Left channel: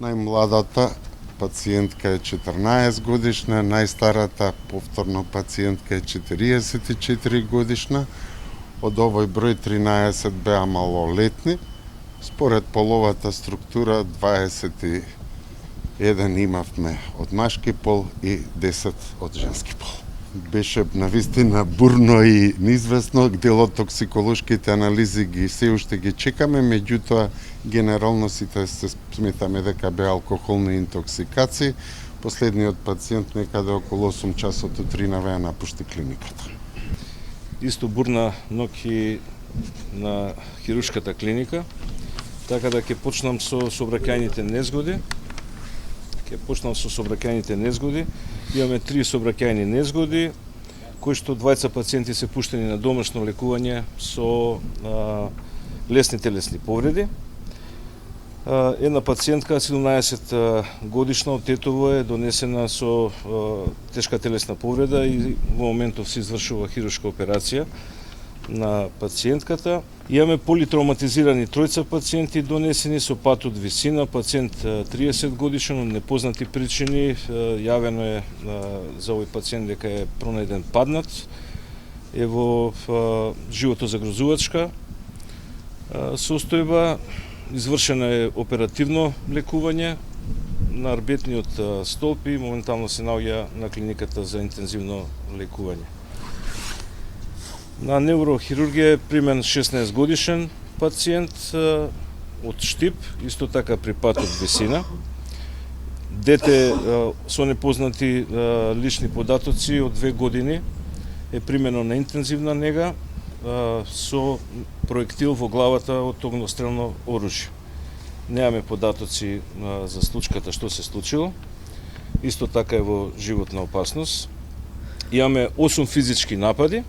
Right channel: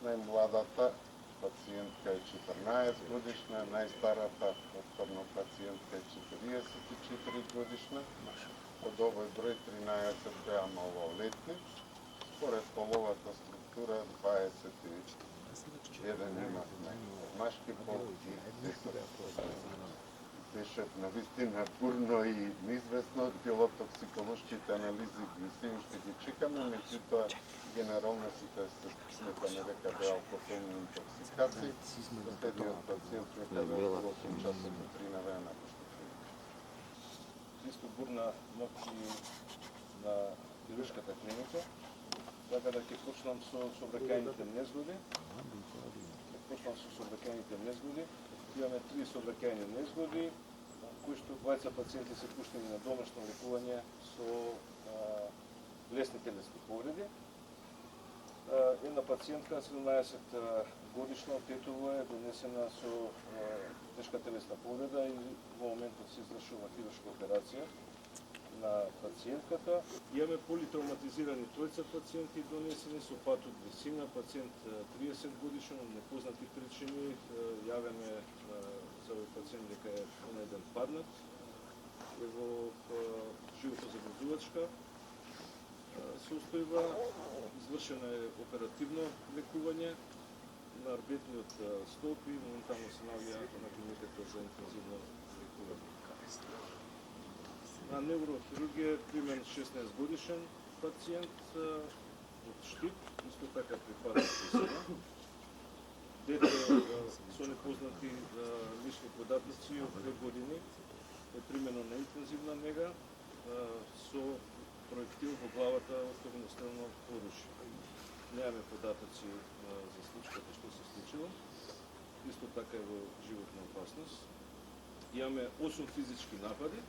Најмладата пациентка е 14 годишна, најстарата повторно пациентка е 44 годишна. Од овој број 13 беа малолетни. Според половата структура 21 имавме од машки пол и 10 од женски пол. Беше навистина бурно и неизвестно, дел од токсиколошките анализи се уште ги чекаме, меѓутоа генерално сите се сметаме дека беа алкохолни интоксикации. Последниот пациент некаде околу 8 часот утринава ја напушти клиниката. Исто бурна ноќ на хируршката клиника, така да ќе почнам со сообраќајните незгоди. Имаме 3 сообраќајни незгоди, кои што двајца пациенти се пуштени на домашно лекување со лесни телесни повреди. Една пациентка, 17 годишна од Тетово, е донесена со тешка телесна повреда и во моментов се извршува хируршка операција на пациентката. Имаме политравматизирани тројца пациенти донесени со пат од висина, пациент 30 годишен од непознати причини. Јавено е за овој пациент дека е пронајден паднат, е во животозагрозувачка состојба. Извршено е оперативно лекување на арбетниот столб и моментално се наоѓа на клиниката за интензивно лекување. На неврохирургија е примен 16 годишен пациент од Штип, исто така при пат од висина. Дете со непознати лични податоци од 2 години е примено на интензивна нега со проектил во главата од огнестрелно оружје. Немаме податоци за случката што се случило. Исто така е во животна опасност. Имаме 8 физички напади,